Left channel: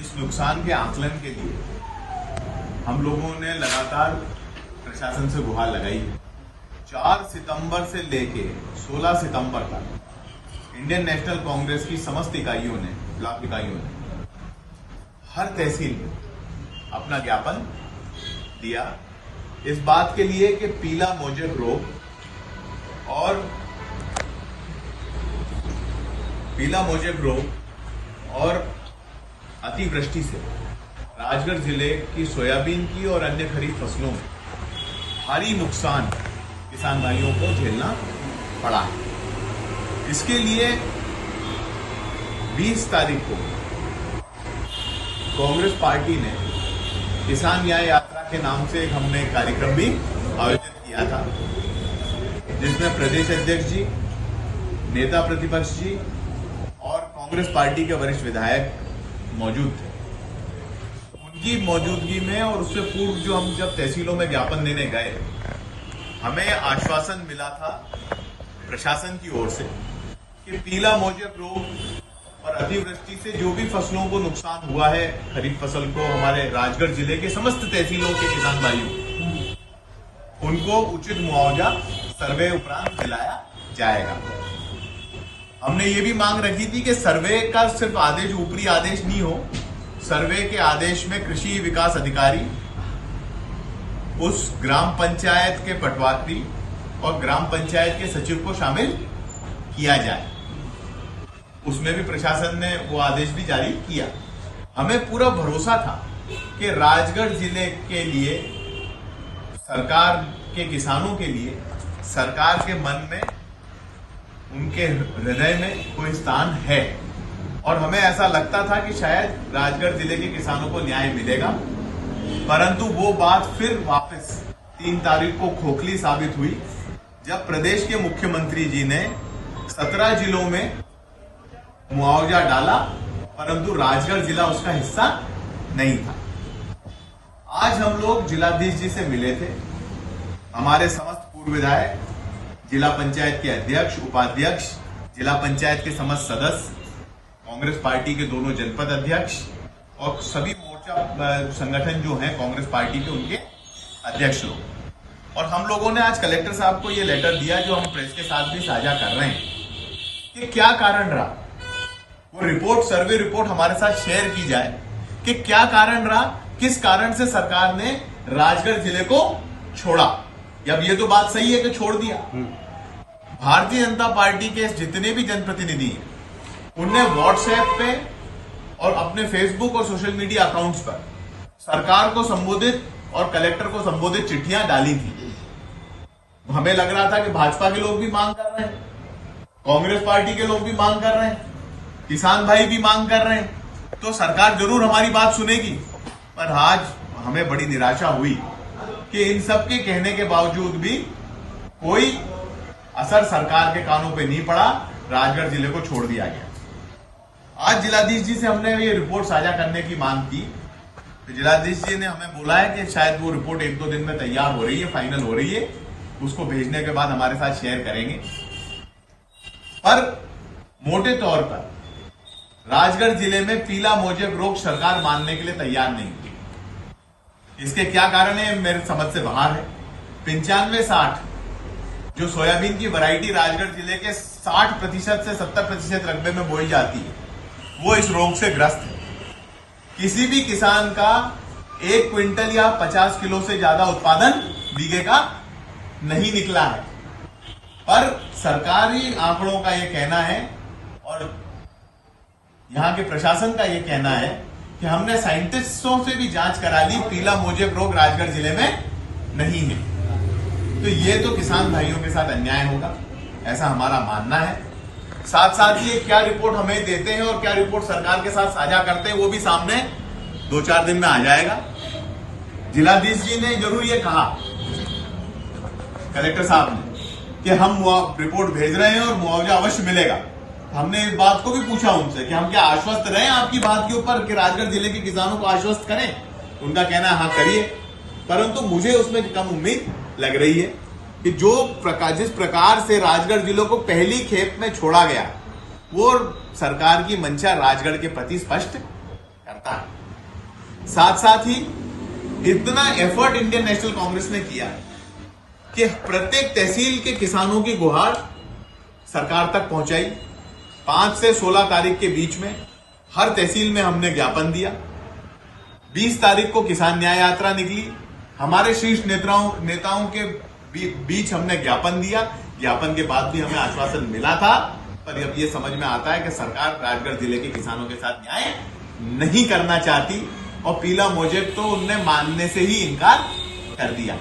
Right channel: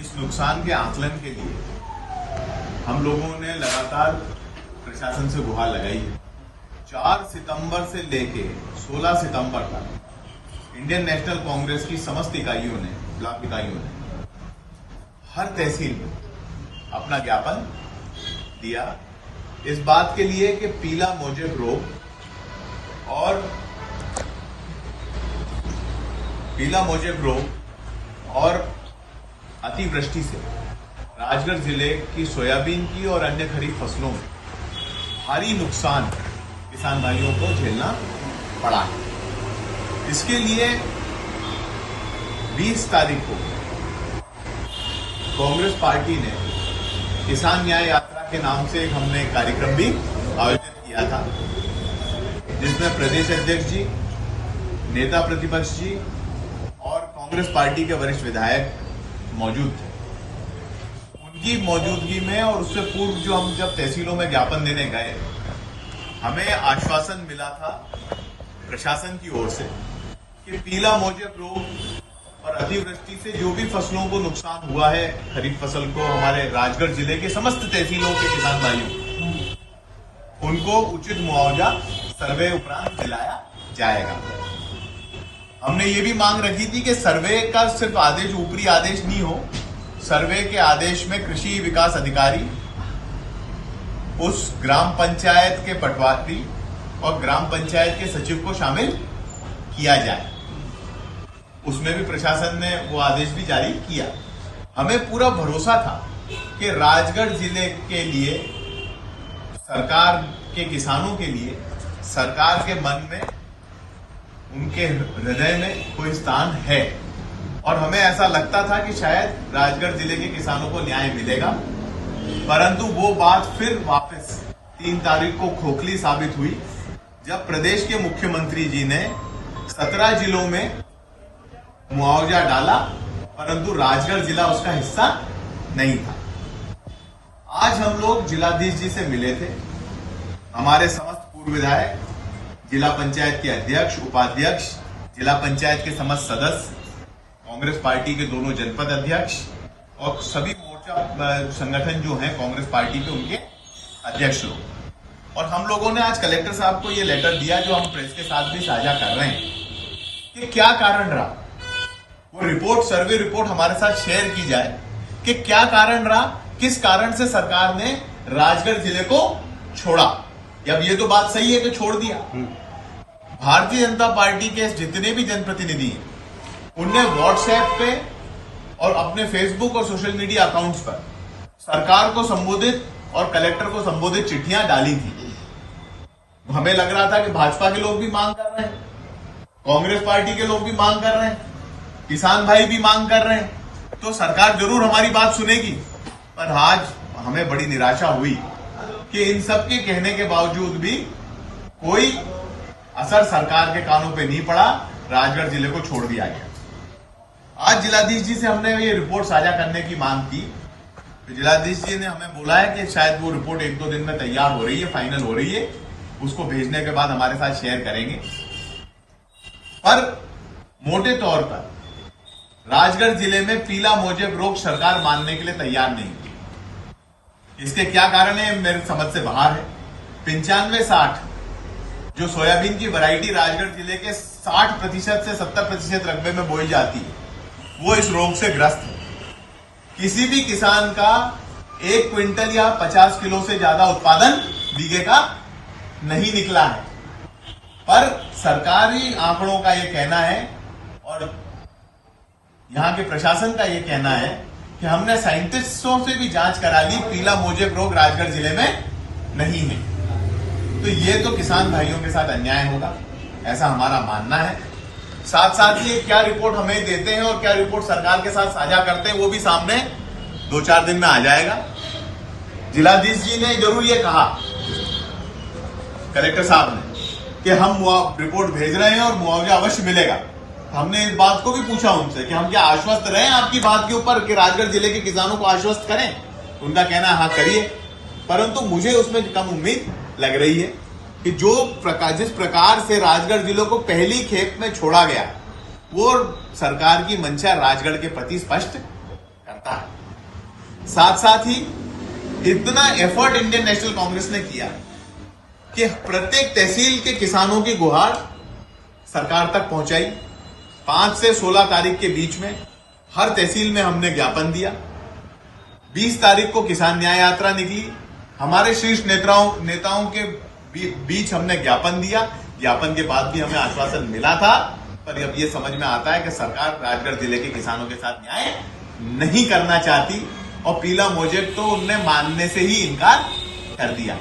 इस नुकसान के आकलन के लिए हम लोगों ने लगातार प्रशासन से गुहार लगाई है। 4 सितंबर से लेके 16 सितंबर तक इंडियन नेशनल कांग्रेस की समस्त इकाइयों ने, ब्लॉक इकाइयों ने हर तहसील में अपना ज्ञापन दिया इस बात के लिए कि पीला मोजेक रोग और अतिवृष्टि से राजगढ़ जिले की सोयाबीन की और अन्य खरीफ फसलों में भारी नुकसान किसान भाइयों को झेलना पड़ा है। इसके लिए 20 तारीख को कांग्रेस पार्टी ने किसान न्याय यात्रा के नाम से हमने एक कार्यक्रम भी आयोजित किया था, जिसमें प्रदेश अध्यक्ष जी, नेता प्रतिपक्ष जी और कांग्रेस पार्टी के वरिष्ठ विधायक मौजूद थे। उनकी मौजूदगी में और उससे पूर्व जो हम जब तहसीलों में ज्ञापन देने गए, हमें आश्वासन मिला था प्रशासन की ओर से कि पीला मोजेक रोग और अतिवृष्टि से जो भी फसलों को नुकसान हुआ है, खरीफ फसल को, हमारे राजगढ़ जिले के समस्त तहसीलों के किसान भाइयों, उनको उचित मुआवजा सर्वे उपरांत दिलाया जाएगा। हमने ये भी मांग रखी थी कि सर्वे का सिर्फ आदेश ऊपरी आदेश नहीं हो, सर्वे के आदेश में कृषि विकास अधिकारी उस ग्राम पंचायत के पटवारी और ग्राम पंचायत के सचिव को शामिल किया जाए। उसमें भी प्रशासन ने वो आदेश भी जारी किया। हमें पूरा भरोसा था कि राजगढ़ जिले के लिए, सरकार के किसानों के लिए, सरकार के मन में, उनके हृदय में कोई स्थान है और हमें ऐसा लगता था कि शायद राजगढ़ जिले के किसानों को न्याय मिलेगा। परंतु वो बात फिर वापस 3 तारीख को खोखली साबित हुई, जब प्रदेश के मुख्यमंत्री जी ने 17 जिलों में मुआवजा डाला, परंतु राजगढ़ जिला उसका हिस्सा नहीं था। आज हम लोग जिलाधीश जी से मिले थे। हमारे समस्त पूर्व विधायक, जिला पंचायत के अध्यक्ष, उपाध्यक्ष, जिला पंचायत के समस्त सदस्य, कांग्रेस पार्टी के दोनों जनपद अध्यक्ष और सभी मोर्चा संगठन जो हैं कांग्रेस पार्टी के, उनके अध्यक्ष लोग, और हम लोगों ने आज कलेक्टर साहब को ये लेटर दिया, जो हम प्रेस के साथ भी साझा कर रहे हैं कि क्या कारण रहा। वो रिपोर्ट, सर्वे रिपोर्ट हमारे साथ शेयर की जाए कि क्या कारण रहा, किस कारण से सरकार ने राजगढ़ जिले को छोड़ा। अब ये तो बात सही है कि छोड़ दिया। भारतीय जनता पार्टी के जितने भी जनप्रतिनिधि हैं, उनने व्हाट्सएप पे और अपने फेसबुक और सोशल मीडिया अकाउंट्स पर सरकार को संबोधित और कलेक्टर को संबोधित चिट्ठियां डाली थी। हमें लग रहा था कि भाजपा के लोग भी मांग कर रहे हैं, कांग्रेस पार्टी के लोग भी मांग कर रहे हैं, किसान भाई भी मांग कर रहे हैं, तो सरकार जरूर हमारी बात सुनेगी। पर आज हमें बड़ी निराशा हुई कि इन सब के कहने के बावजूद भी कोई असर सरकार के कानों पे नहीं पड़ा, राजगढ़ जिले को छोड़ दिया गया। आज जिलाधीश जी से हमने ये रिपोर्ट साझा करने की मांग की, तो जिलाधीश जी ने हमें बोला है कि शायद वो रिपोर्ट 1-2 दिन में तैयार हो रही है, फाइनल हो रही है, उसको भेजने के बाद हमारे साथ शेयर करेंगे। पर मोटे तौर पर राजगढ़ जिले में पीला मोजेक रोग सरकार मानने के लिए तैयार नहीं है। इसके क्या कारण है मेरे समझ से बाहर है। 95-60 जो सोयाबीन की वैरायटी राजगढ़ जिले के 60% से 70% रकबे में बोई जाती है, वो इस रोग से ग्रस्त है। किसी भी किसान का 1 क्विंटल या 50 किलो से ज्यादा उत्पादन बीघे का नहीं निकला है। पर सरकारी आंकड़ों का यह कहना है और यहां के प्रशासन का यह कहना है कि हमने साइंटिस्टों से भी जांच करा ली, पीला मोजेक रोग राजगढ़ जिले में नहीं है। तो ये तो किसान भाइयों के साथ अन्याय होगा, ऐसा हमारा मानना है। साथ साथ ये क्या रिपोर्ट हमें देते हैं और क्या रिपोर्ट सरकार के साथ साझा करते हैं, वो भी सामने 2-4 दिन में आ जाएगा। जिलाधीश जी ने जरूर ये कहा, कलेक्टर साहब ने, कि हम रिपोर्ट भेज रहे हैं और मुआवजा अवश्य मिलेगा। हमने इस बात को भी पूछा उनसे कि हम क्या आश्वस्त रहें आपकी बात के ऊपर कि राजगढ़ जिले के किसानों को आश्वस्त करें। उनका कहना है हाँ करिए, परंतु मुझे उसमें कम उम्मीद लग रही है कि जिस प्रकार से राजगढ़ जिलों को पहली खेप में छोड़ा गया, वो सरकार की मंशा राजगढ़ के प्रति स्पष्ट करता है। साथ साथ ही इतना एफर्ट इंडियन नेशनल कांग्रेस ने किया कि प्रत्येक तहसील के किसानों की गुहार सरकार तक पहुंचाई। 5 से 16 तारीख के बीच में हर तहसील में हमने ज्ञापन दिया। 20 तारीख को किसान न्याय यात्रा निकली। हमारे शीर्ष नेताओं के बीच हमने ज्ञापन दिया। ज्ञापन के बाद भी हमें आश्वासन मिला था, पर अब ये समझ में आता है कि सरकार राजगढ़ जिले के किसानों के साथ न्याय नहीं करना चाहती और पीला मोजेब तो उनने मानने से ही इनकार कर दिया।